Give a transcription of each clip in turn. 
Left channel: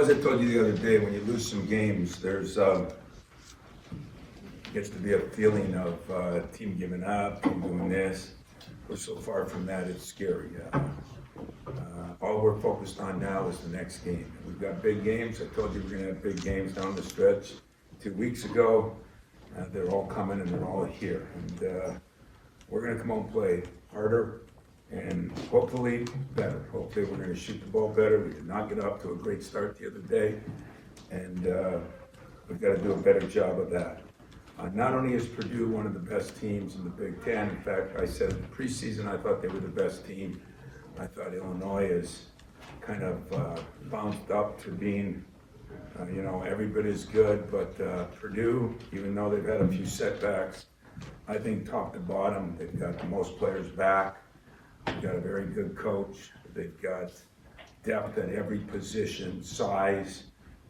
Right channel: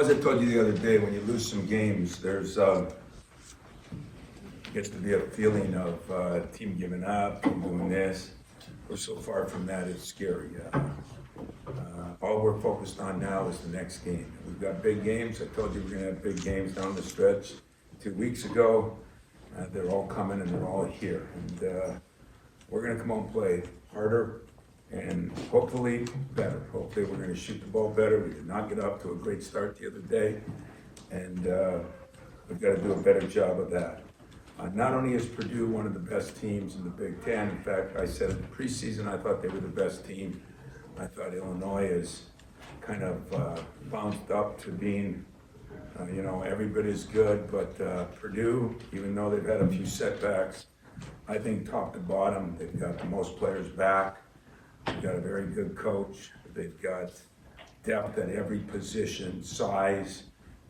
As I told you the other day, when you lose some games, there's gets to be a feeling of team giving up, team doing this. We're so far from that, it's scary. All we're focused on now is the next game. We've got big games. I told you we're going to have big games down the stretch 2 weeks ago. They're all coming and they're all here. And we're going to come out and play harder and hopefully better. Hopefully we're going to shoot the ball better. We did not get up to a great start the other day. And we've got to do a better job of that. Not only is Purdue one of the best teams in the Big Ten, in fact, I said in the preseason I thought they were the best team. I thought Illinois is kind of bounced up to being, every bit as good, but Purdue, even though they've had a few setbacks, I think top to bottom, they've got the most players back. They've got a very good coach. They've got depth at every position, size.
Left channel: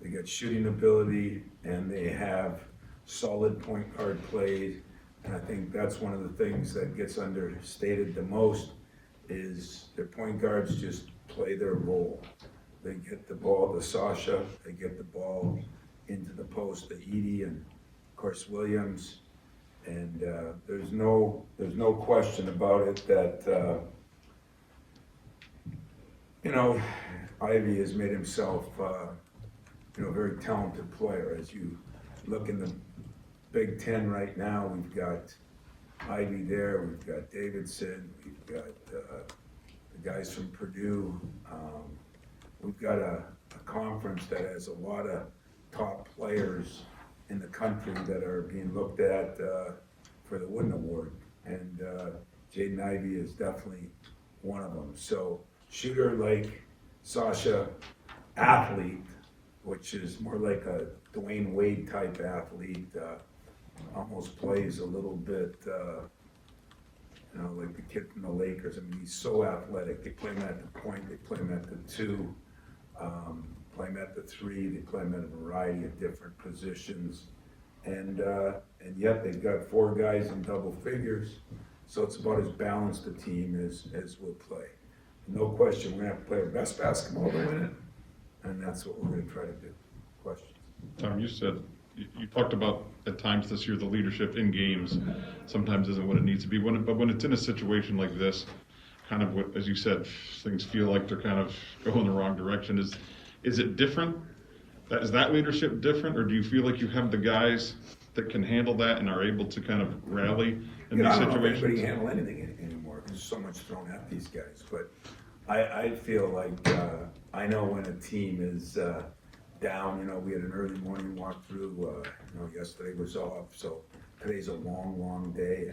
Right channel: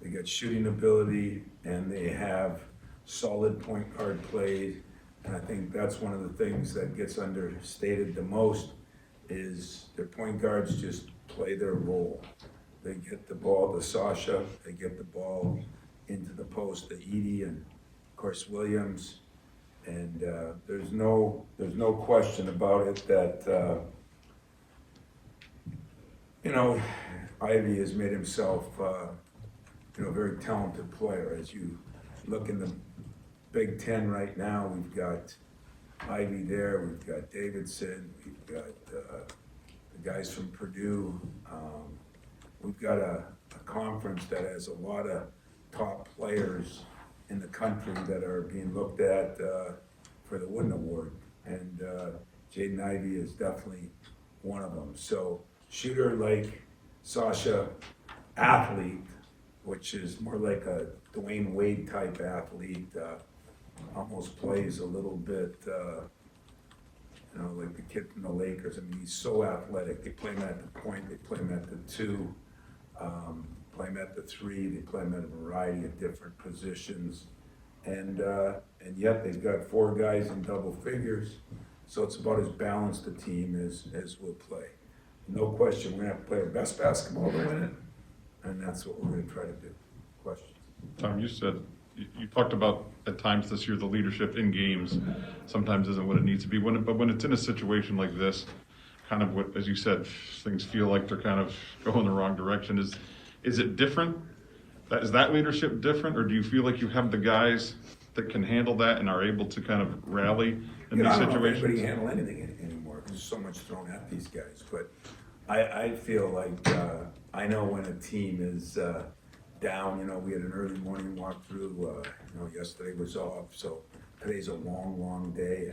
They got shooting ability, and they have solid point guard plays. And I think that's one of the things that gets understated the most is their point guards just play their role. They get the ball to Sasha, they get the ball into the post to Edie and of course Williams. And there's no question about it that Ivy has made himself a very talented player. As you look in the Big Ten right now, we've got Ivy there, we've got Davidson, we've got the guys from Purdue. We've got a conference that has a lot of top players in the country that are being looked at for the Wooden Award. And Jaden Ivey is definitely one of them. So shooter like Sasha, athlete, which is more like a Dwayne Wade type athlete, almost plays a little bit, like the kid from the Lakers. I mean, he's so athletic. They play him at the point, they play him at the two, play him at the three, they play him at a variety of different positions. And yet they've got four guys in double figures, so it's about as balanced a team as we'll play. No question, we're going to have to play our best basketball to win it, and that's what we're going to try to do. Questions? Tom, you talked about at times this year the leadership in games sometimes isn't what it needs to be. But when it's in a situation like this, kind of what, as you said, things feel like they're kind of going the wrong direction. Is it different? Is that leadership different, or do you feel like you have the guys that can handle that and are able to kind of rally in these I don't situations? know if anybody can handle anything anymore. There's so much thrown at these guys. But I feel like I know when a team is down. We had an early morning walkthrough. Yesterday was off, so today's a long day.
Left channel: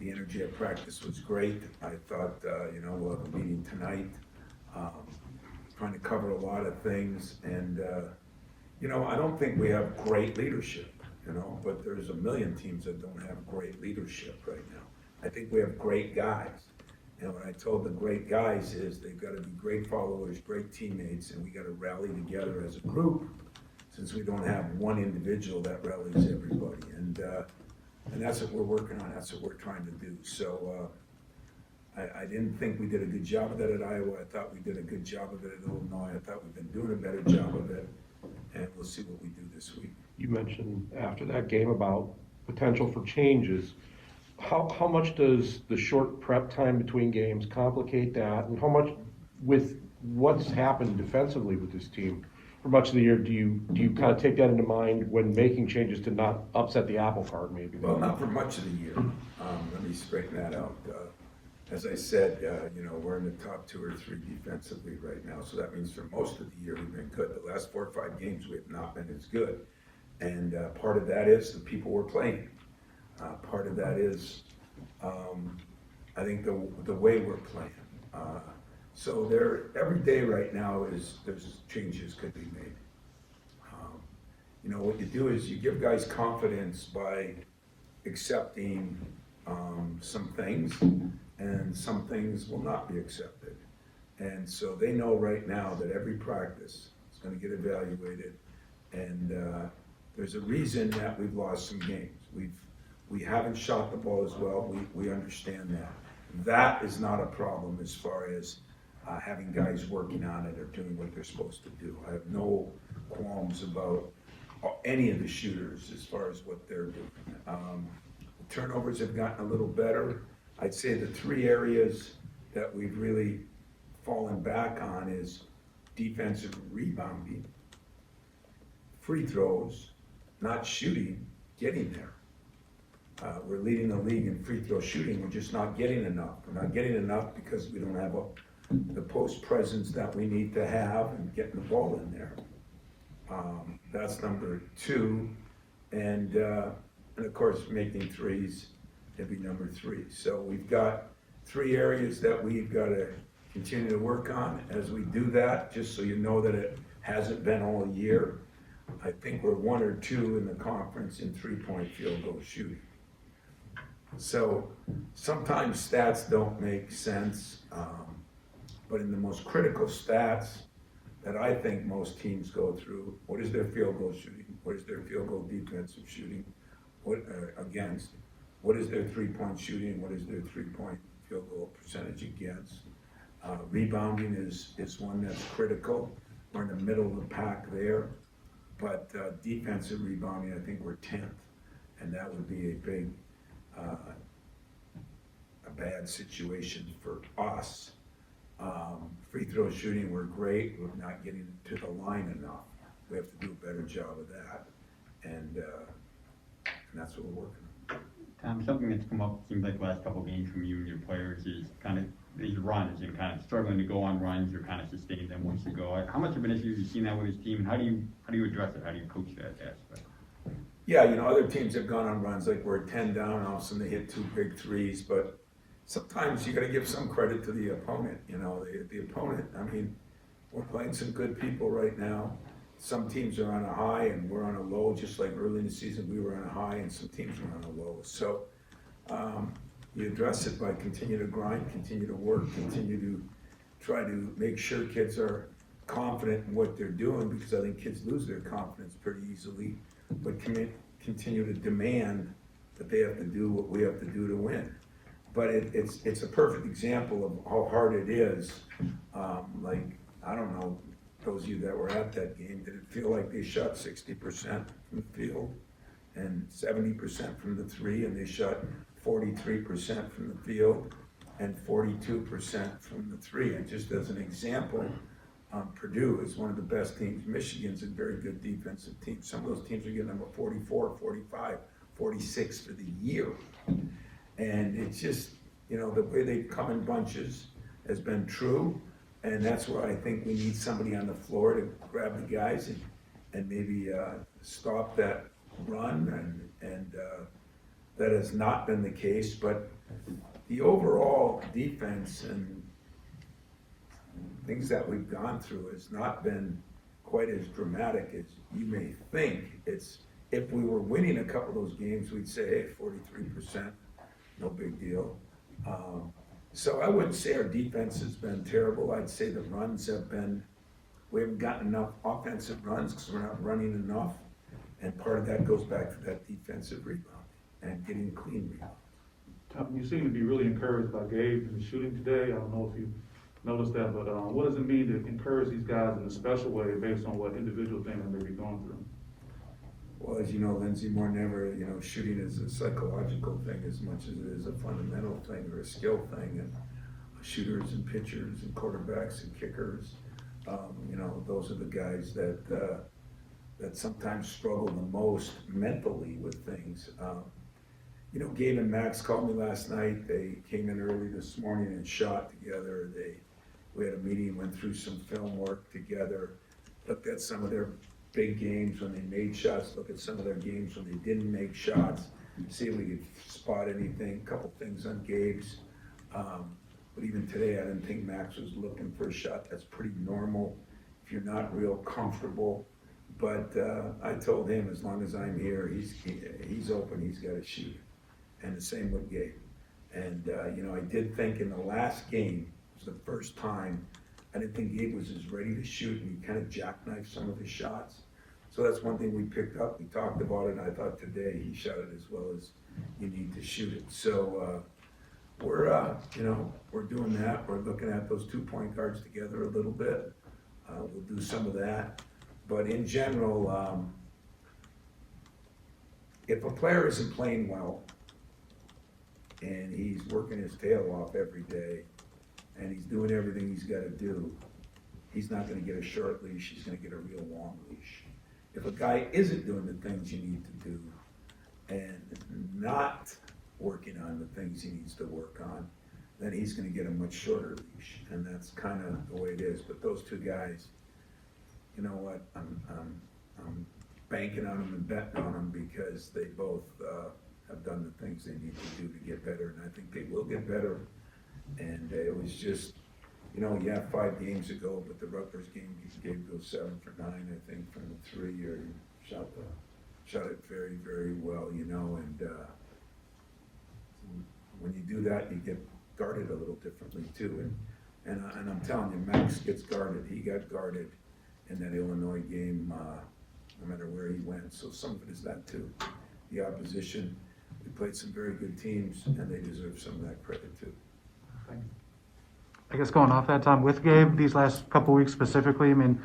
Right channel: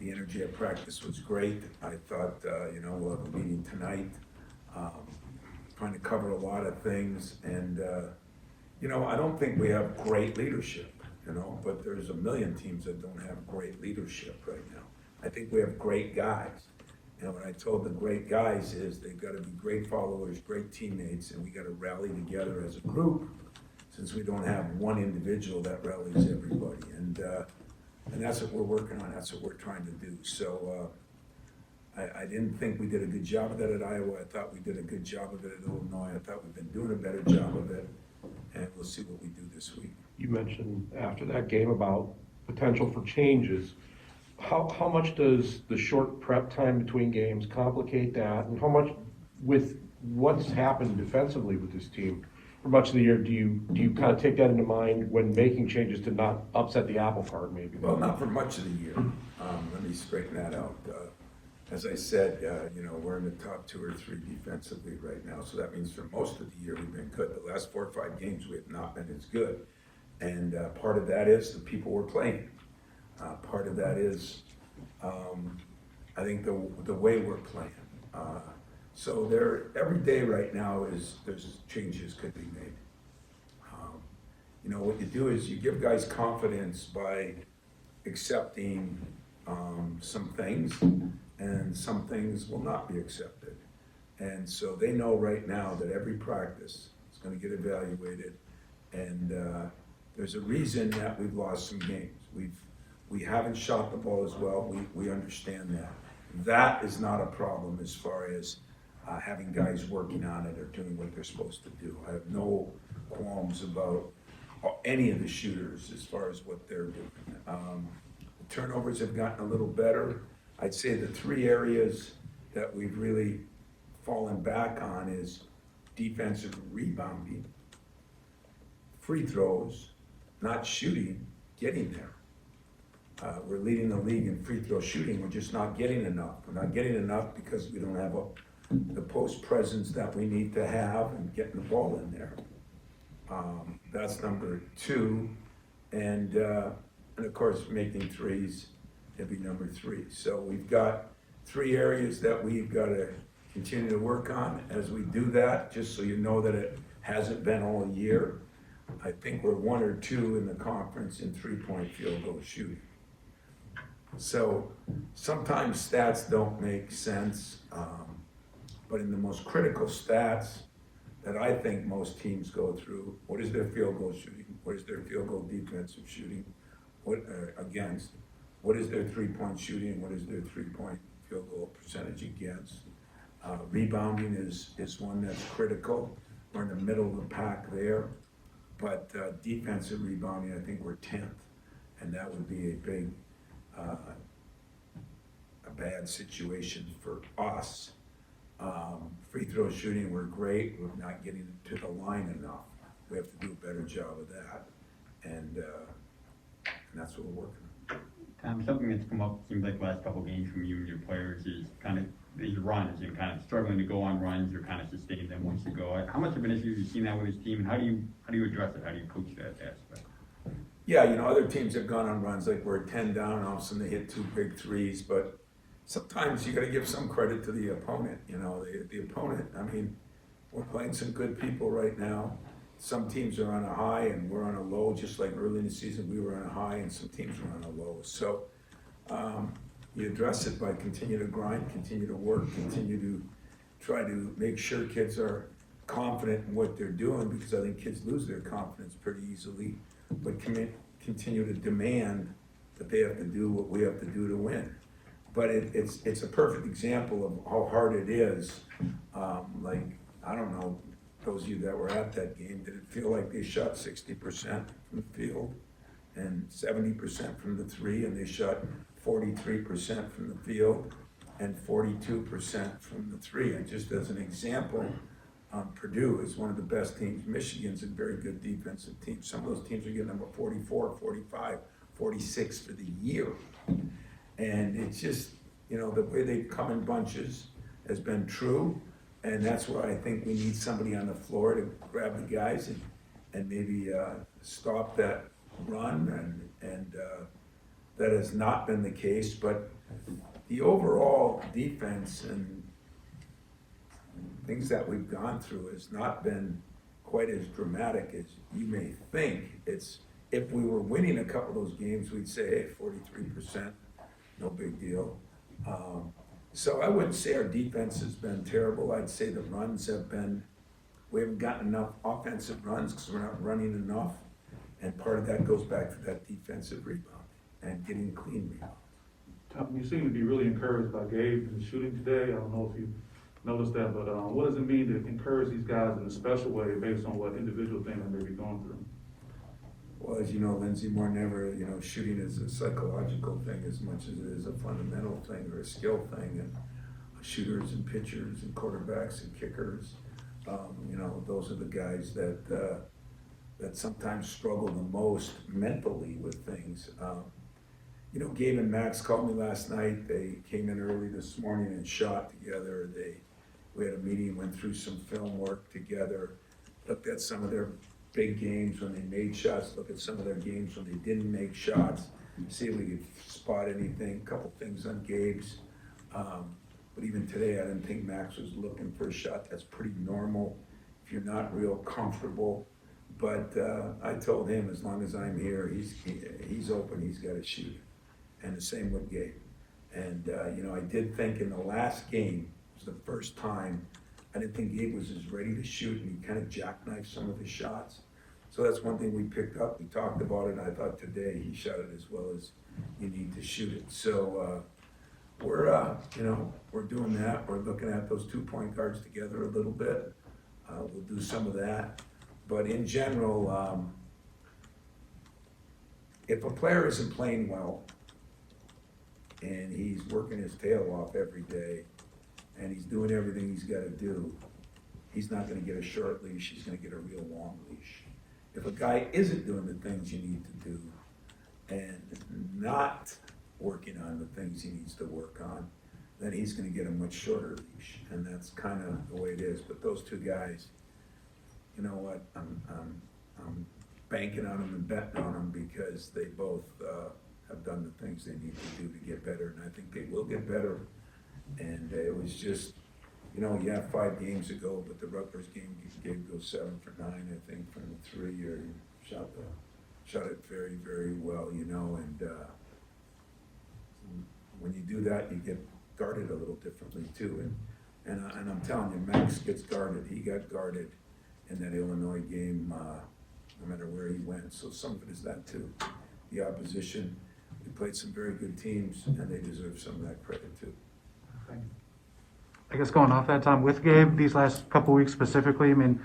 The energy at practice was great. I thought, we'll have a meeting tonight, trying to cover a lot of things. And, I don't think we have great leadership, but there's a million teams that don't have great leadership right now. I think we have great guys. And what I told the great guys is they've got to be great followers, great teammates, and we got to rally together as a group, since we don't have one individual that rallies everybody. And that's what we're working on. That's what we're trying to do. So I didn't think we did a good job of that at Iowa. I thought we did a good job of it at Illinois. I thought we've been doing a better job of it, and we'll see what we do this week. You mentioned after that game about potential for changes. How much does the short prep time between games complicate that, and how much, with what's happened defensively with this team for much of the year, do you kind of take that into mind when making changes to not upset the apple cart, maybe? Well, not for much of the year. Let me straighten that out. As I said, we're in the top 2 or 3 defensively right now, so that means for most of the year we've been good. The last 4 or 5 games we have not been as good, and part of that is the people we're playing. Part of that is, I think, the way we're playing. So every day right now there's changes could be made. What you do is you give guys confidence by accepting some things, and some things will not be accepted. And so they know right now that every practice is going to get evaluated, and there's a reason that we've lost some games. We haven't shot the ball as well. We understand that. That is not a problem as far as having guys working on it or doing what they're supposed to do. I have no qualms about any of the shooters as far as what they're doing. The turnovers have gotten a little better. I'd say the three areas that we've really fallen back on is defensive rebounding, free throws, not shooting, getting there. We're leading the league in free throw shooting. We're just not getting enough. We're not getting enough because we don't have the post presence that we need to have and getting the ball in there. That's number two. And of course, making threes would be number three. So we've got three areas that we've got to continue to work on. As we do that, just so you know that it hasn't been all year, I think we're 1 or 2 in the conference in three-point field goal shooting. So sometimes stats don't make sense, but in the most critical stats that I think most teams go through, what is their field goal shooting? What is their field goal defensive shooting? What against? What is their three-point shooting? What is their three-point field goal percentage against? Rebounding is one that's critical. We're in the middle of the pack there, but defensive rebounding, I think we're 10th, and that would be a big, a bad situation for us. Free throw shooting, we're great. We're not getting to the line enough. We have to do a better job of that, and that's what we're working on. Something that's come up, seems like the last couple of games from you and your players is kind of these runs and kind of struggling to go on runs or kind of sustain them once you go. How much of an issue have you seen that with his team? How do you address it? How do you coach that aspect? Yeah, other teams have gone on runs, like we're 10 down, all of a sudden they hit 2 big threes, but sometimes you got to give some credit to the opponent. The opponent, I mean, we're playing some good people right now. Some teams are on a high and we're on a low, just like early in the season we were on a high and some teams were on a low. So you address it by continue to grind, continue to work, continue to try to make sure kids are confident in what they're doing, because I think kids lose their confidence pretty easily, but continue to demand that they have to do what we have to do to win. But it's a perfect example of how hard it is. I don't know, those of you that were at that game, did it feel like they shot 60% from the field and 70% from the three, and they shot 43% from the field and 42% from the three? And just as an example, Purdue is one of the best teams. Michigan's a very good defensive team. Some of those teams are getting number 44, 45, 46 for the year. And it's just, the way they come in bunches has been true. And that's where I think we need somebody on the floor to grab the guys and maybe stop that run. And that has not been the case. But the overall defense and things that we've gone through has not been quite as dramatic as you may think. If we were winning a couple of those games, we'd say, hey, 43%, no big deal. So I wouldn't say our defense has been terrible. I'd say the runs we haven't gotten enough offensive runs because we're not running enough. And part of that goes back to that defensive rebound and getting clean rebounds. Tom, you seem to be really encouraged by Gabe in the shooting today. I don't know if you noticed that, but what does it mean to encourage these guys in a special way based on what individual things they may be going through? Well, as you know, Lindsey, more than ever, shooting is a psychological thing as much as it is a fundamental thing or a skill thing. And shooters and pitchers and quarterbacks and kickers, those are the guys that sometimes struggle the most mentally with things. Gabe and Max called me last night. They came in early this morning and shot together. We had a meeting, went through some film work together, looked at some of their big games when they made shots, look at some of their games when they didn't make shots, see if we could spot anything, a couple things on Gabe's. But even today, I didn't think Max was looking for a shot. That's pretty normal if you're not real comfortable. But I told him, as long as I'm here, he's open, he's got to shoot. And the same with Gabe. And, I did think in the last game, it was the first time, I didn't think Gabe was as ready to shoot, and he kind of jackknifed some of his shots. So that's one thing we picked up. We talked about it, and I thought today he shot it as well as you need to shoot it. So we're doing that. We're looking at those 2 point guards together a little bit. We'll do some of that. But in general, if a player isn't playing well and he's working his tail off every day and he's doing everything he's got to do, he's not going to get a short leash, he's going to get a real long leash. If a guy isn't doing the things you need to do and not working on the things he needs to work on, then he's going to get a much shorter leash. And that's kind of the way it is. But those two guys, you know what, I'm banking on them and betting on them because they both have done the things they need to do to get better, and I think they will get better. And it was just, you know, you have 5 games ago, but the Rutgers game, Gabe goes 7 for 9, I think, from the 3, or he shot it very, very well, you know, and when you do that, you get guarded a little differently too. And I'm telling you, Max gets guarded. He got guarded in that Illinois game, no matter where he went. So some of it is that too. The opposition, we played some very good teams, and they deserve some of that credit too. I guess going off that, Tom, with Gabe, these last couple weeks specifically, I mean,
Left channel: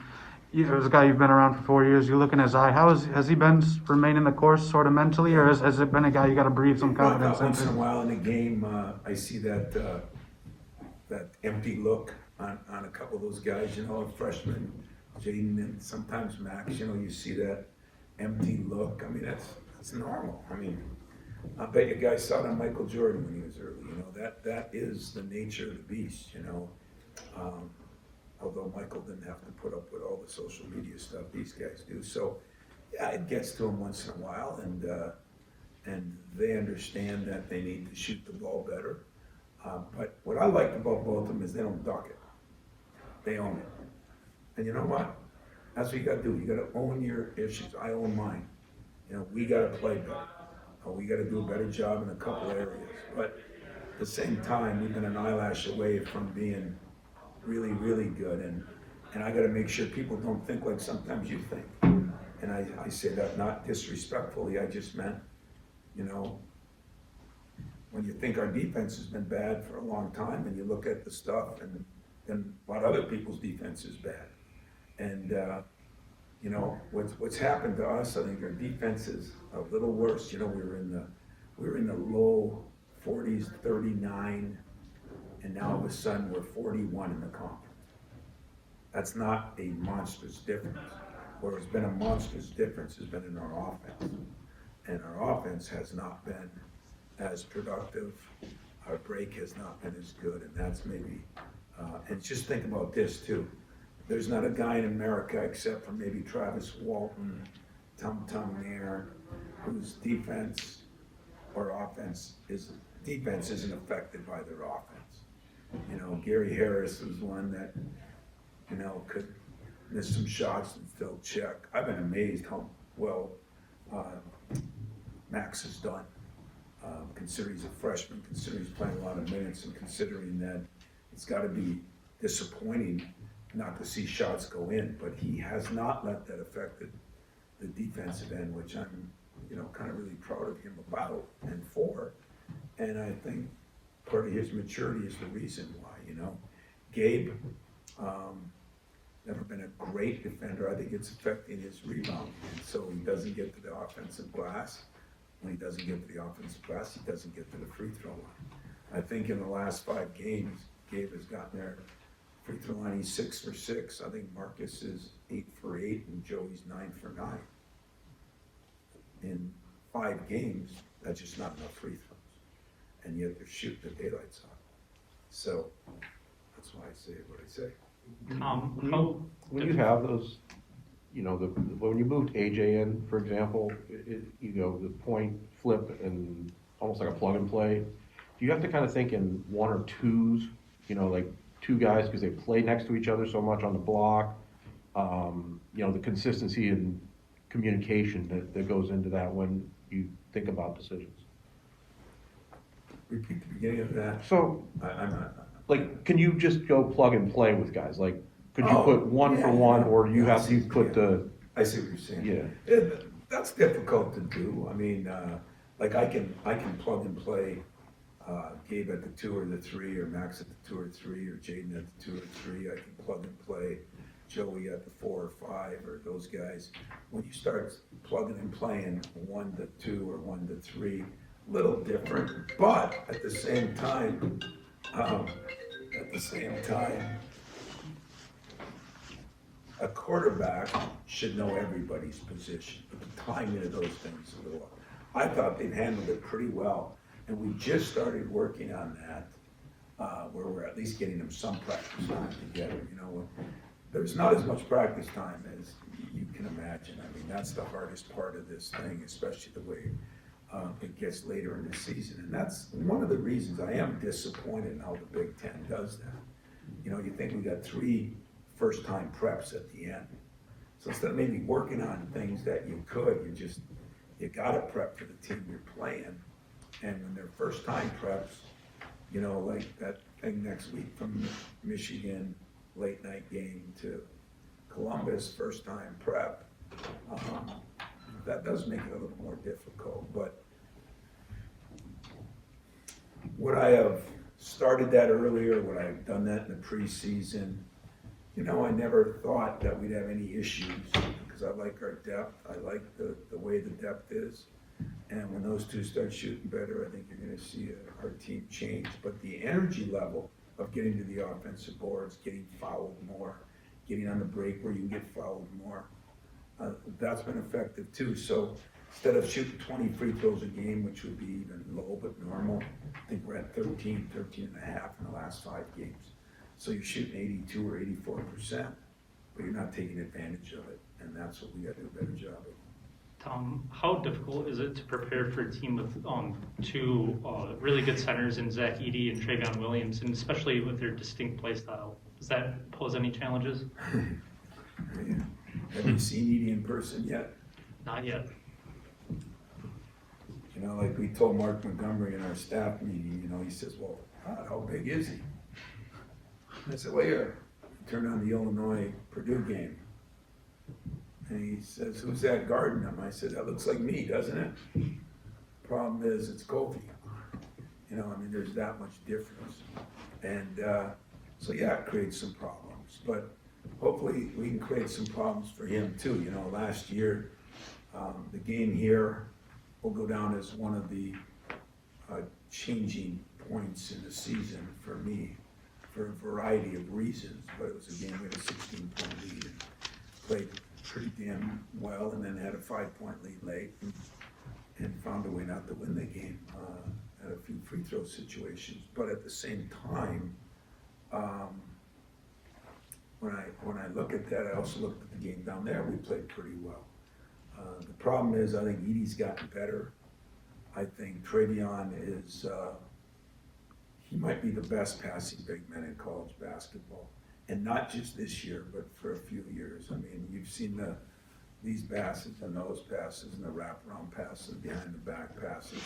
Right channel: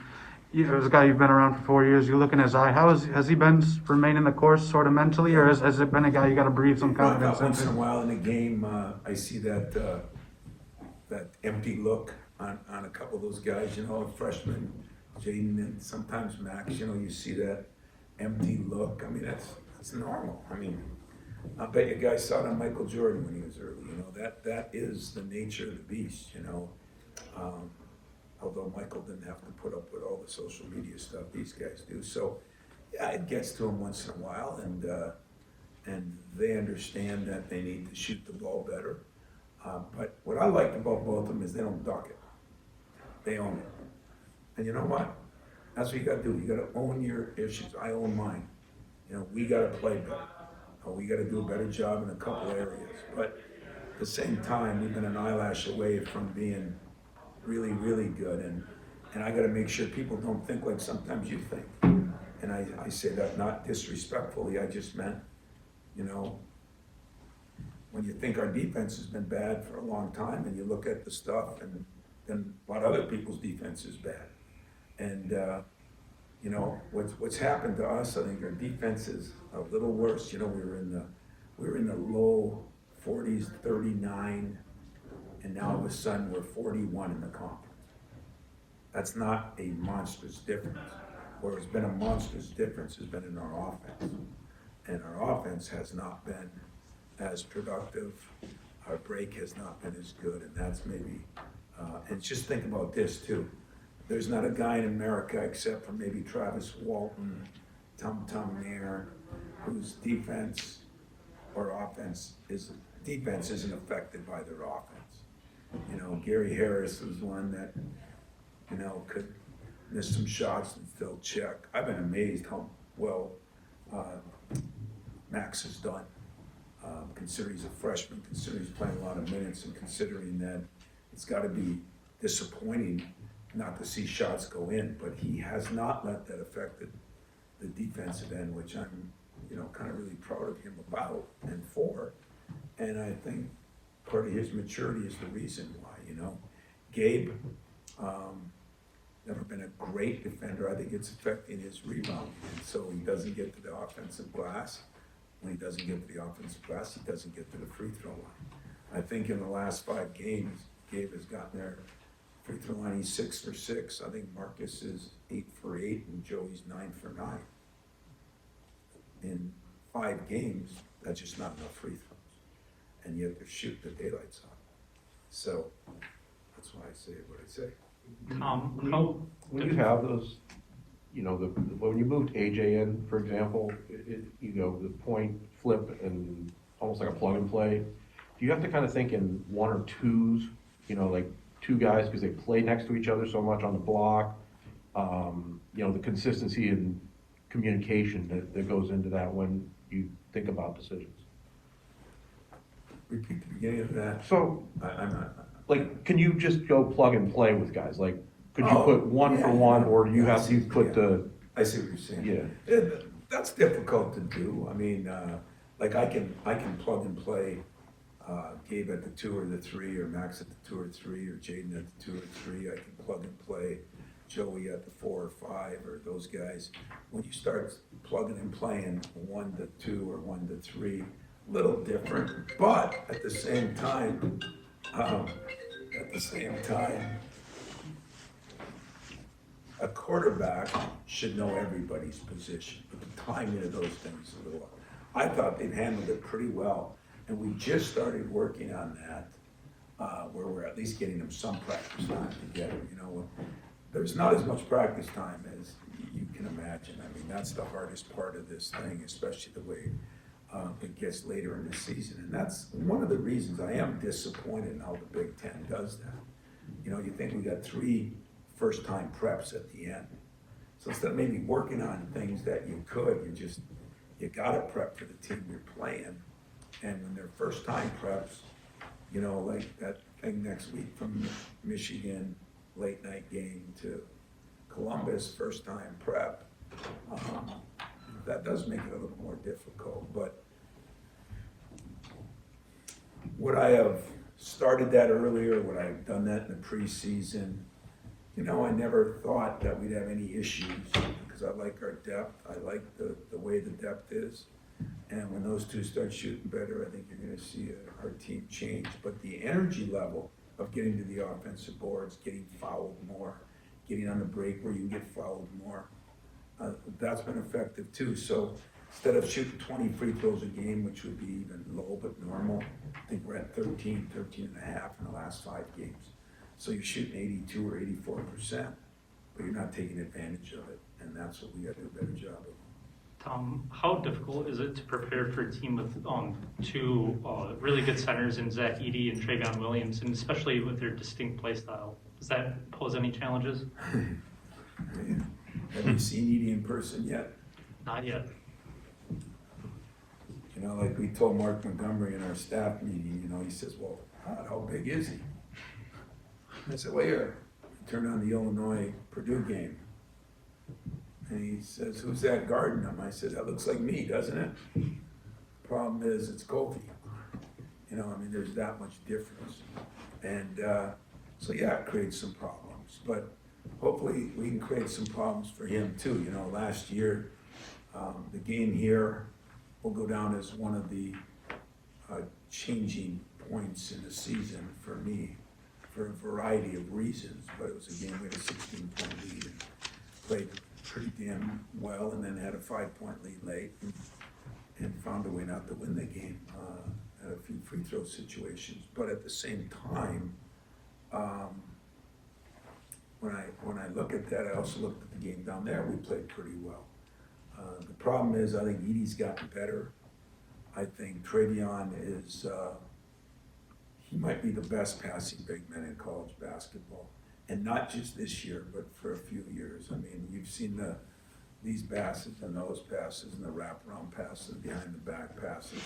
as a guy you've been around for 4 years, you're looking at his eye. Has he been remaining the course sort of mentally, or has it been a guy you got to breathe some confidence Once in a into? while in a game, I see that empty look on a couple of those guys, you know, a freshman, Jaden, and sometimes Max, you know, you see that empty look. I mean, that's normal. I mean, I bet you guys saw it on Michael Jordan when he was early, you know, that is the nature of the beast, you know. Although Michael didn't have to put up with all the social media stuff these guys do. So, yeah, it gets to them once in a while, and they understand that they need to shoot the ball better. But what I like about both of them is they don't duck it. They own it. And you know what? That's what you gotta do. You gotta own your issues. I own mine. You know, we gotta play better. We gotta do a better job in a couple areas. But at the same time, we've been an eyelash away from being really, really good. And I gotta make sure people don't think like sometimes you think. And I say that not disrespectfully, I just meant, you know, when you think our defense has been bad for a long time and you look at the stuff and then what other people's defense is bad. And, you know, what's happened to us, I think our defense is a little worse. You know, we were in the low 40s, 39, and now all of a sudden we're 41 in the conference. That's not a monstrous difference. Where it's been a monstrous difference has been in our offense. And our offense has not been as productive. Our break has not been as good, and that's maybe, and just think about this too. There's not a guy in America except for maybe Travis Walton, Tum Nair, whose defense isn't affected by their offense. You know, Gary Harris was one that, you know, could miss some shots and still check. I've been amazed how well Max has done. Considering he's a freshman, considering he's playing a lot of minutes, and considering that it's got to be disappointing not to see shots go in, but he has not let that affect the defensive end, which I'm, you know, kind of really proud of him about and for. And I think part of his maturity is the reason why, you know. Gabe, never been a great defender. I think it's affecting his rebounding, and so he doesn't get to the offensive glass. When he doesn't get to the offensive glass, he doesn't get to the free throw line. I think in the last 5 games, Gabe has gotten there. Free throw line, he's 6 for 6. I think Marcus is 8 for 8, and Joey's 9 for 9. In 5 games, that's just not enough free throws, and yet they're shooting the daylights off. So that's why I say what I say. When you have those, you know, when you moved AJ in, for example, you know, the point flip and almost like a plug and play, do you have to kind of think in 1 or 2s, you know, like 2 guys because they play next to each other so much on the block, you know, the consistency and communication that goes into that when you think about decisions? Repeat the beginning of that. So, I'm not. like, can you just go plug and play with guys? Like, could you Oh, put one yeah, for one, or you yeah, have to put the, I see what you're saying. yeah. That's difficult to do. I mean, like I can plug and play Gabe at the 2 or the 3, or Max at the 2 or 3, or Jaden at the 2 or 3. I can plug and play Joey at the 4 or 5 or those guys. When you start plugging and playing 1 to 2 or 1 to 3, little different, but at the same time, a quarterback should know everybody's position, but the timing of those things is a little. I thought they've handled it pretty well, and we just started working on that, where we're at least getting them some practice time together. You know, there's not as much practice time as you can imagine. I mean, that's the hardest part of this thing, especially the way it gets later in the season, and that's one of the reasons I am disappointed in how the Big Ten does that. You know, you think we got 3 first-time preps at the end. So instead of maybe working on things that you could, you gotta prep for the team you're playing. And when they're first-time preps, you know, like that thing next week from Michigan, late night game to Columbus, first-time prep, that does make it a little more difficult. But would I have started that earlier? Would I have done that in the preseason? You know, I never thought that we'd have any issues because I like our depth. I like the way the depth is. And when those two start shooting better, I think you're going to see our team change. But the energy level of getting to the offensive boards, getting fouled more, getting on the break where you can get fouled more, that's been effective too. So instead of shooting 20 free throws a game, which would be even low but normal, I think we're at 13 and a half in the last 5 games. So you're shooting 82 or 84%, but you're not taking advantage of it, and that's what we got to do a better job of. Tom, how difficult is it to prepare for a team with 2 really good centers in Zach Edey and Travion Williams, and especially with their distinct play style? Does that pose any challenges? Have you seen Edey in person yet? Not yet. You know, like we told Mark Montgomery in our staff meeting, you know, he says, well, how big is he? I said, well, here, I turned on the Illinois-Purdue game. And he says, who's that guarding him? I said, that looks like me, doesn't it? Problem is, it's Goldie. You know, I mean, there's that much difference. And so, yeah, it creates some problems. But hopefully we can create some problems for him, too. You know, last year, the game here will go down as one of the changing points in the season for me, for a variety of reasons. But it was a game with a 16-point lead and played pretty damn well, and then had a 5-point lead late and found a way not to win the game, at a few free throw situations. But at the same time, when I look at that, I also looked at the game down there. We played pretty well. The problem is, I think Edey's gotten better. I think Travion is, he might be the best passing big man in college basketball. And not just this year, but for a few years. I mean, you've seen these passes and those passes and the wraparound passes, behind the back passes.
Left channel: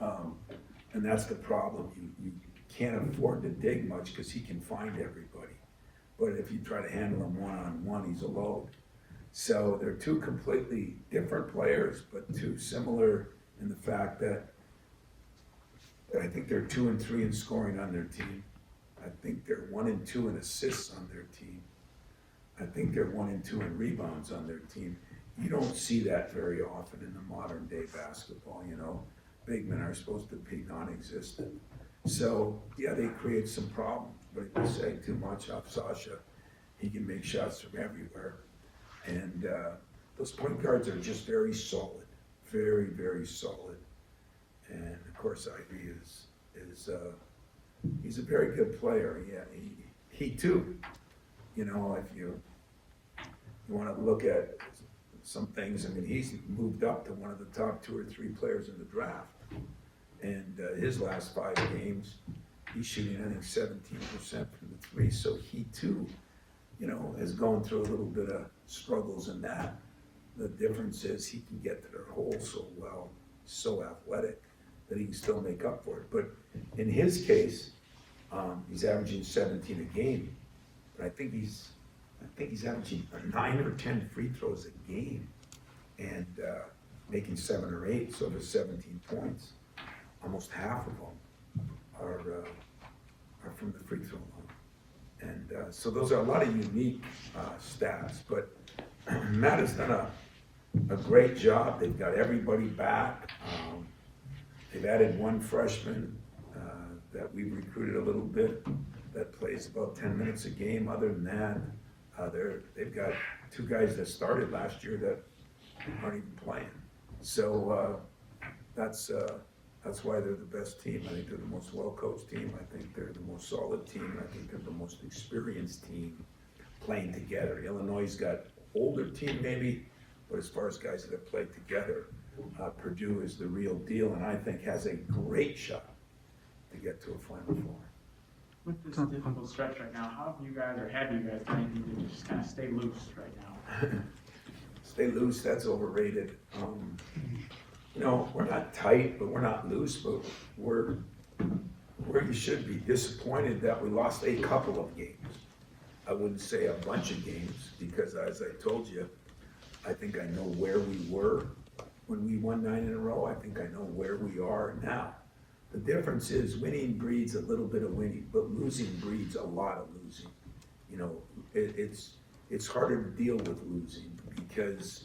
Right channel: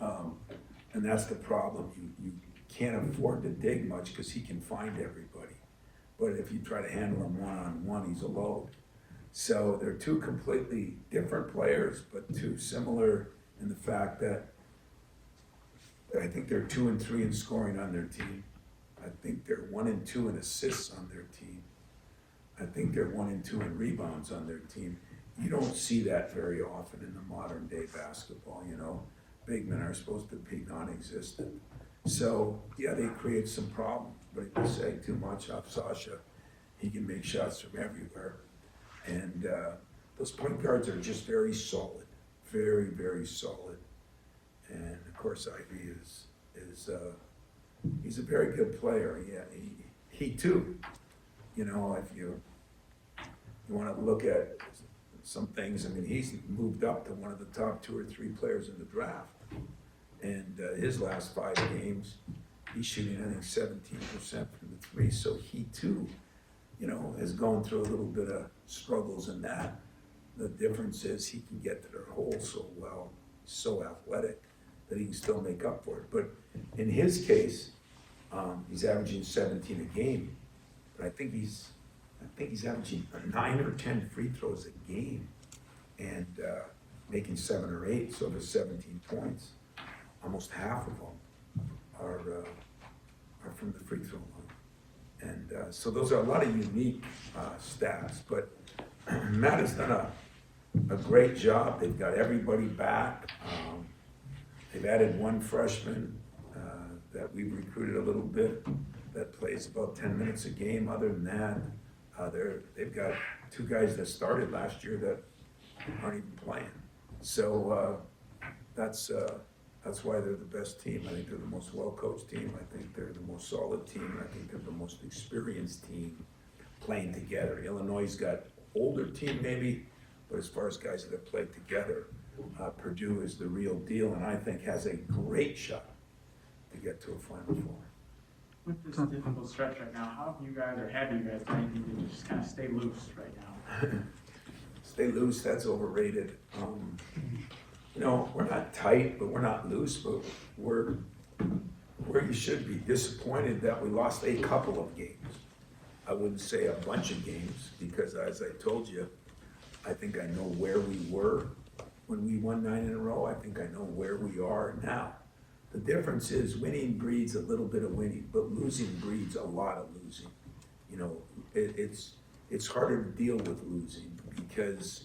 And that's the problem. You can't afford to dig much because he can find everybody. But if you try to handle him one-on-one, he's a load. So they're 2 completely different players, but 2 similar in the fact that I think they're 2 and 3 in scoring on their team. I think they're 1 and 2 in assists on their team. I think they're 1 and 2 in rebounds on their team. You don't see that very often in the modern day basketball, you know. Big men are supposed to be non-existent. So, yeah, they create some problems, but if you say too much of Sasha, he can make shots from everywhere. And those point guards are just very solid, very, very solid. And of course, Ivy is he's a very good player. Yeah, he too. You know, if you want to look at some things, I mean, he's moved up to one of the top 2 or 3 players in the draft. And his last 5 games, he's shooting, I think, 17% from the 3. So he too, you know, has gone through a little bit of struggles in that. The difference is he can get to their hole so well, so athletic, that he can still make up for it. But in his case, he's averaging 17 a game. But I think he's averaging 9 or 10 free throws a game, and making 7 or 8. So of his 17 points, almost half of them are from the free throw line. And So those are a lot of unique stats, but Matt has done a great job. They've got everybody back. They've added one freshman that we've recruited a little bit that plays about 10 minutes a game. Other than that, they've got two guys that started last year that aren't even playing. So that's why they're the best team. I think they're the most well-coached team. I think they're the most solid team. I think they're the most experienced team playing together. Illinois' got older team maybe, but as far as guys that have played together, Purdue is the real deal, and I think has a great shot to get to a Final Four. With this difficult stretch right now, how have you guys, or have you guys done anything to just kind of stay loose right now? Stay loose, that's overrated. You know, we're not tight, but we're not loose, but we're where you should be. Disappointed that we lost a couple of games. I wouldn't say a bunch of games, because as I told you, I think I know where we were when we won 9 in a row. I think I know where we are now. The difference is winning breeds a little bit of winning, but losing breeds a lot of losing. You know, it's harder to deal with losing because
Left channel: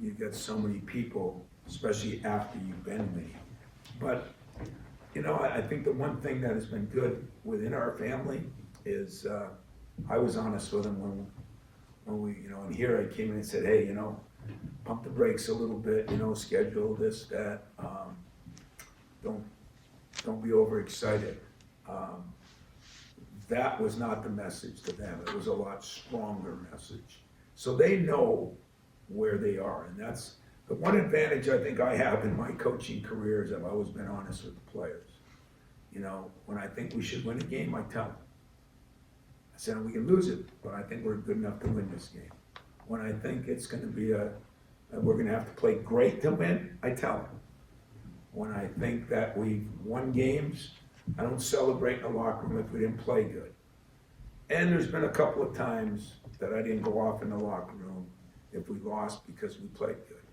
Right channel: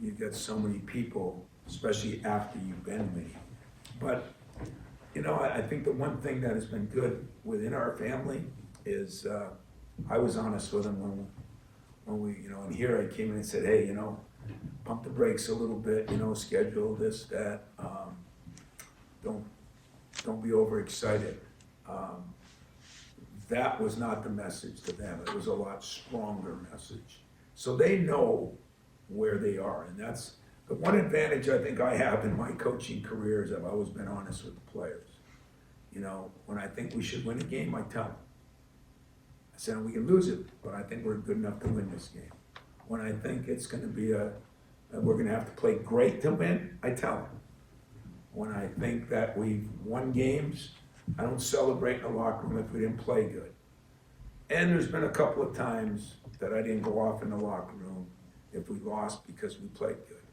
you've got so many people, especially after you've been winning. But, you know, I think the one thing that has been good within our family is I was honest with them when we, you know, and here I came in and said, hey, you know, pump the brakes a little bit, you know, schedule this, that, don't be overexcited. That was not the message to them. It was a lot stronger message. So they know where they are, and that's the one advantage I think I have in my coaching career is I've always been honest with the players. You know, when I think we should win a game, I tell them. I said, we can lose it, but I think we're good enough to win this game. When I think it's going to be we're going to have to play great to win, I tell them. When I think that we've won games, I don't celebrate in the locker room if we didn't play good. And there's been a couple of times that I didn't go off in the locker room if we lost because we played good.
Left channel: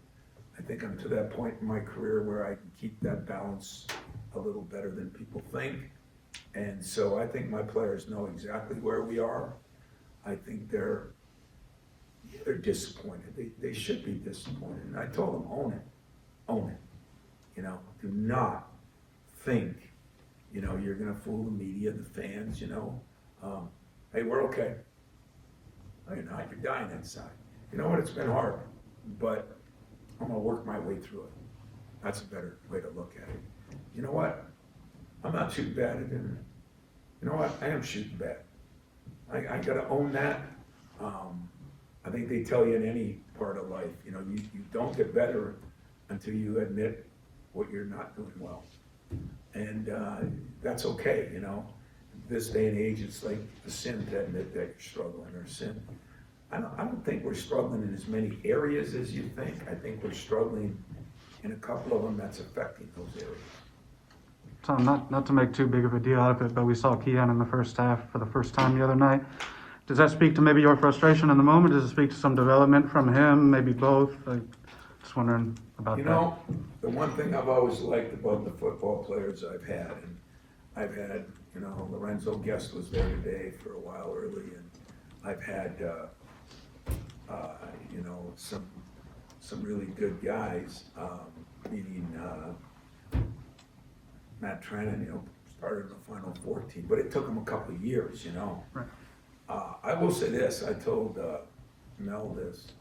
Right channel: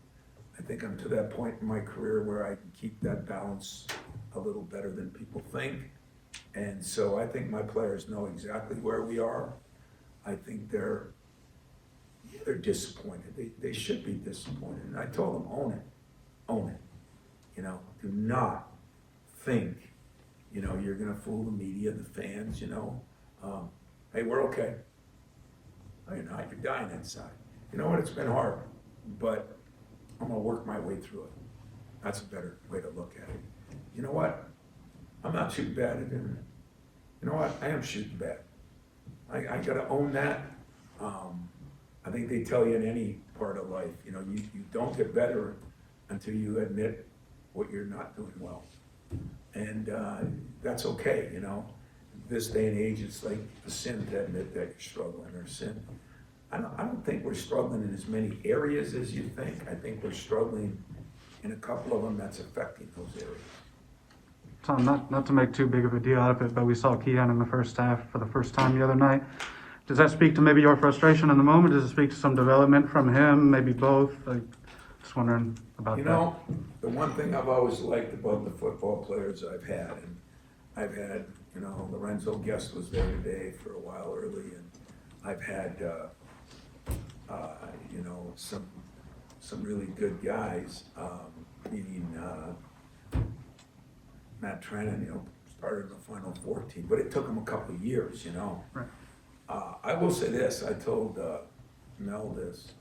I think I'm to that point in my career where I can keep that balance a little better than people think. And so I think my players know exactly where we are. I think they're disappointed. They should be disappointed. And I told them, own it. You know, do not think, you know, you're going to fool the media, the fans, you know. Hey, we're okay. No, you're not. You're dying inside. You know what? It's been hard, but I'm going to work my way through it. That's a better way to look at it. You know what? I'm not shooting bad at it. You know what? I am shooting bad. I got to own that. I think they tell you in any part of life, you know, you don't get better until you admit what you're not doing well. And that's okay, you know. This day and age, it's like a sin to admit that you're struggling or sin. I don't think we're struggling in as many areas as you think. I think we're struggling in a couple of them that's affecting those areas. Tom, not to make too big of a deal out of it, but we saw Keon in the first half for the first time the other night. Does that speak to maybe your frustration in the moment? Does it speak to some development from him? Maybe both? Just wondering about that. You know, the one thing I've always liked about the football players I've had, and I've had, you know, Lorenzo Guest was there today for a while early, and I've had, you know, some really good guys, meaning Matt Trennan, you know, started in the Final Four team, but it took him a couple of years, you know. I will say this, I told Mel this.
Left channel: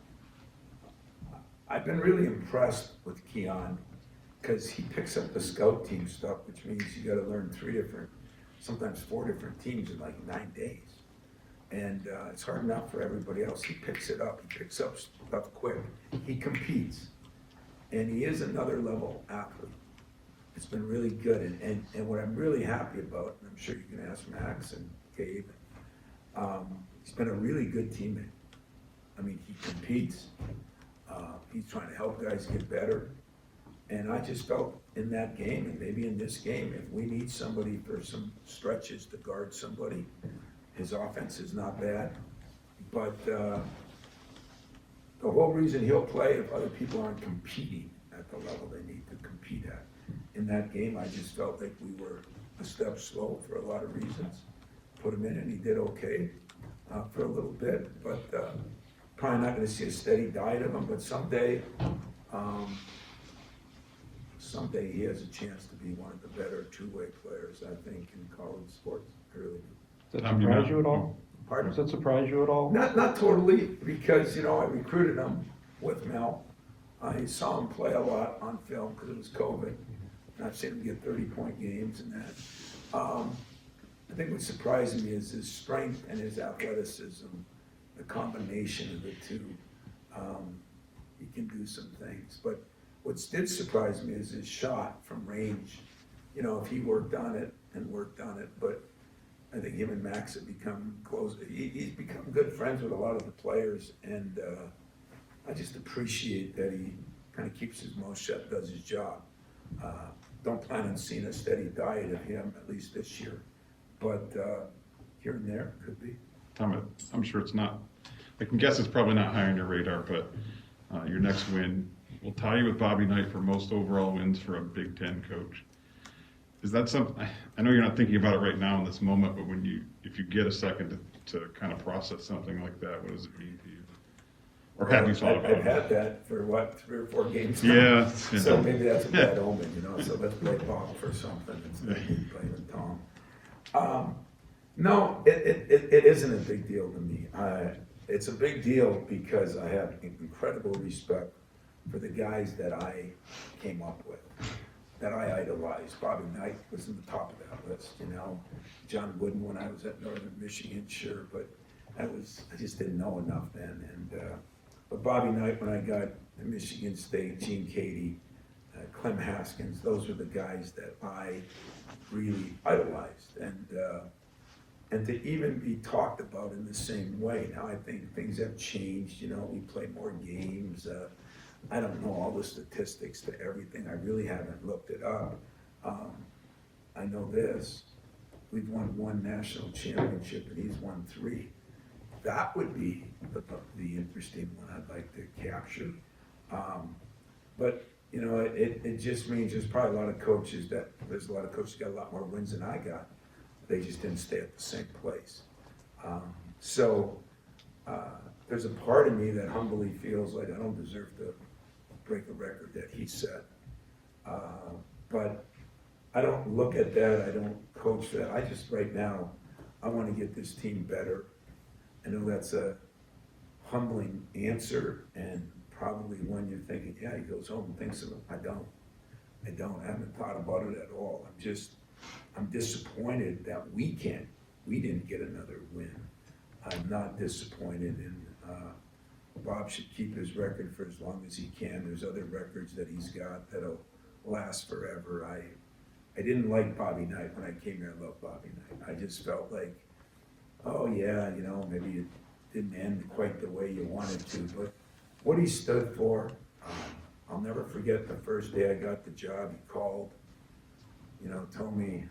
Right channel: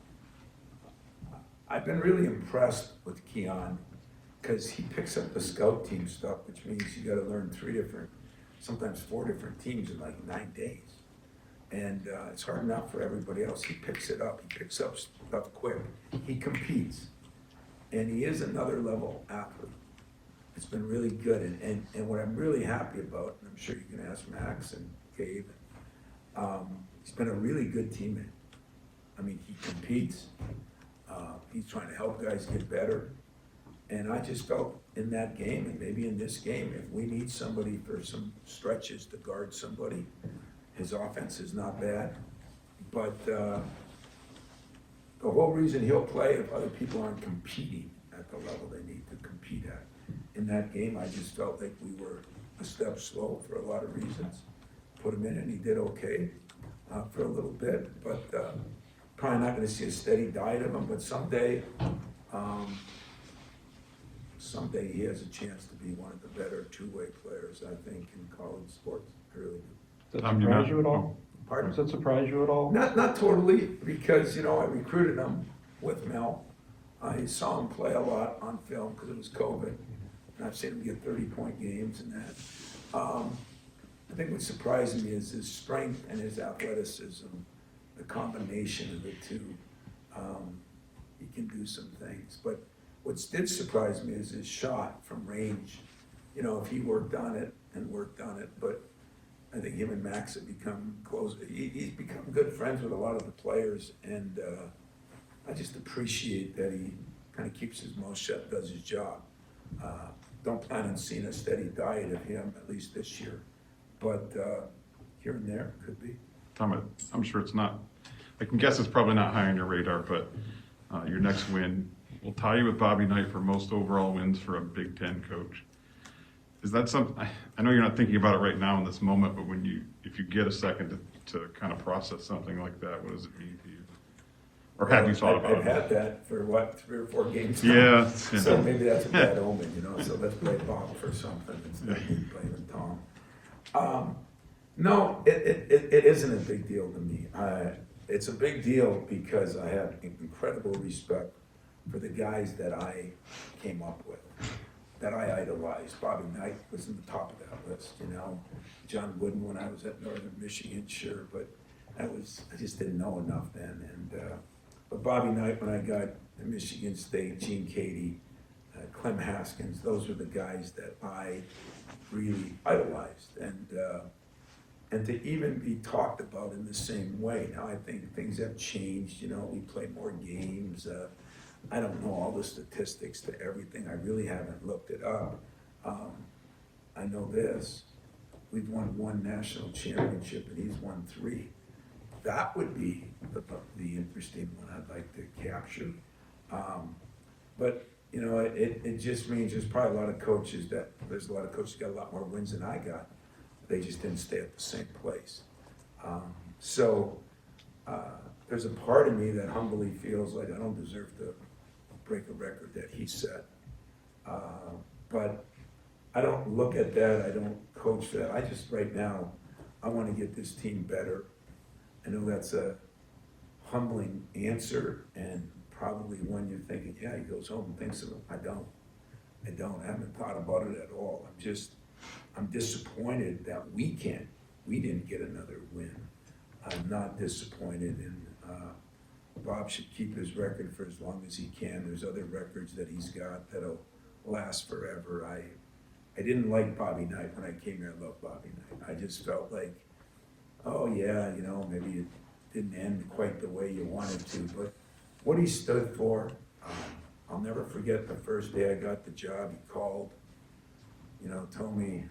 I've been really impressed with Keon because he picks up the scout team stuff, which means you got to learn 3 different, sometimes 4 different teams in like 9 days. And it's hard enough for everybody else. He picks it up. He picks up stuff quick. He competes. And he is another level athlete. It's been really good. And what I'm really happy about, and I'm sure you can ask Max and Gabe, he's been a really good teammate. I mean, he competes. He's trying to help guys get better. And I just felt in that game, and maybe in this game, if we need somebody for some stretches to guard somebody, his offense is not bad. But the whole reason he'll play if other people aren't competing at the level they need to compete at. In that game, I just felt like we were a step slow for a lot of reasons. Put him in and he did okay. for a little bit, but probably not going to see a steady diet of him. But someday he has a chance to be one of the better two-way players, I think, in college sports. I really do. Does that surprise you at all? Pardon? Does that surprise you at all? Not totally, because, you know, I recruited him with Mel. I saw him play a lot on film because it was COVID, and I've seen him get 30-point games and that. I think what surprised me is his strength and his athleticism, the combination of the two. He can do some things, but what did surprise me is his shot from range. You know, if he worked on it, but I think him and Max have become close. He's become good friends with a lot of the players, and I just appreciate that he kind of keeps his mouth shut, does his job. Don't plan on seeing a steady diet of him, at least this year, but here and there could be. Tom, I'm sure it's not, I can guess it's probably not high on your radar, but your next win will tie you with Bobby Knight for most overall wins for a Big Ten coach. Is that something, I know you're not thinking about it right now in this moment, but if you get a second to kind of process something like that, what does it mean to you? Or have you thought about it? I've had that for 3 or 4 games Yeah. now. So maybe that's a bad omen, you know, so let's play Bob for something instead of me playing with Tom. No, it isn't a big deal to me. It's a big deal because I have incredible respect for the guys that I came up with, that I idolized. Bobby Knight was in the top of that list, you know. John Wooden when I was at Northern Michigan, sure, but I just didn't know enough then. And but Bobby Knight when I got at Michigan State, Gene Cady, Clem Haskins, those were the guys that I really idolized. And to even be talked about in the same way. Now I think things have changed, you know, we play more games. I don't know all the statistics to everything. I really haven't looked it up. I know this, we've won 1 national championship and he's won 3. That would be the interesting one I'd like to capture. But, you know, it just means there's probably a lot of coaches there's a lot of coaches got a lot more wins than I got. They just didn't stay at the same place. There's a part of me that humbly feels like I don't deserve to break a record that he set. But I don't look at that, I don't coach that. I just, right now, I want to get this team better. I know that's a humbling answer and probably one you're thinking, yeah, he goes home and thinks of it. I don't. I haven't thought about it at all. I'm disappointed that we didn't get another win. I'm not disappointed, and Bob should keep his record for as long as he can. There's other records that he's got that'll last forever. I didn't like Bobby Knight when I came here. I loved Bobby Knight. I just felt like, oh yeah, you know, maybe it didn't end quite the way you wanted to, but what he stood for, I'll never forget the first day I got the job. He called, you know, told me,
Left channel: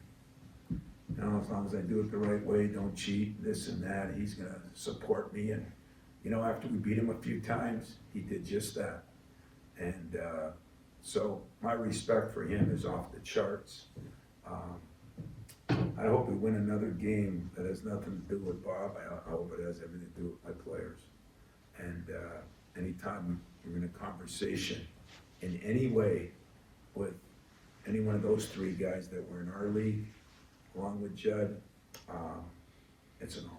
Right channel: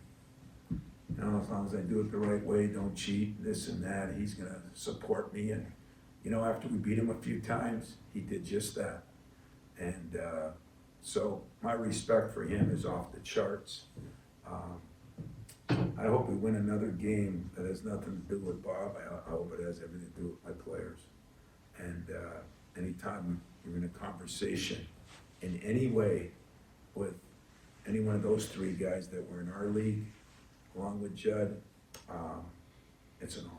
you know, as long as I do it the right way, don't cheat, this and that, he's going to support me. And, you know, after we beat him a few times, he did just that. And so my respect for him is off the charts. I hope we win another game that has nothing to do with Bob. I hope it has everything to do with my players. And anytime you're in a conversation in any way with any one of those 3 guys that were in our league, along with Judd, it's an honor.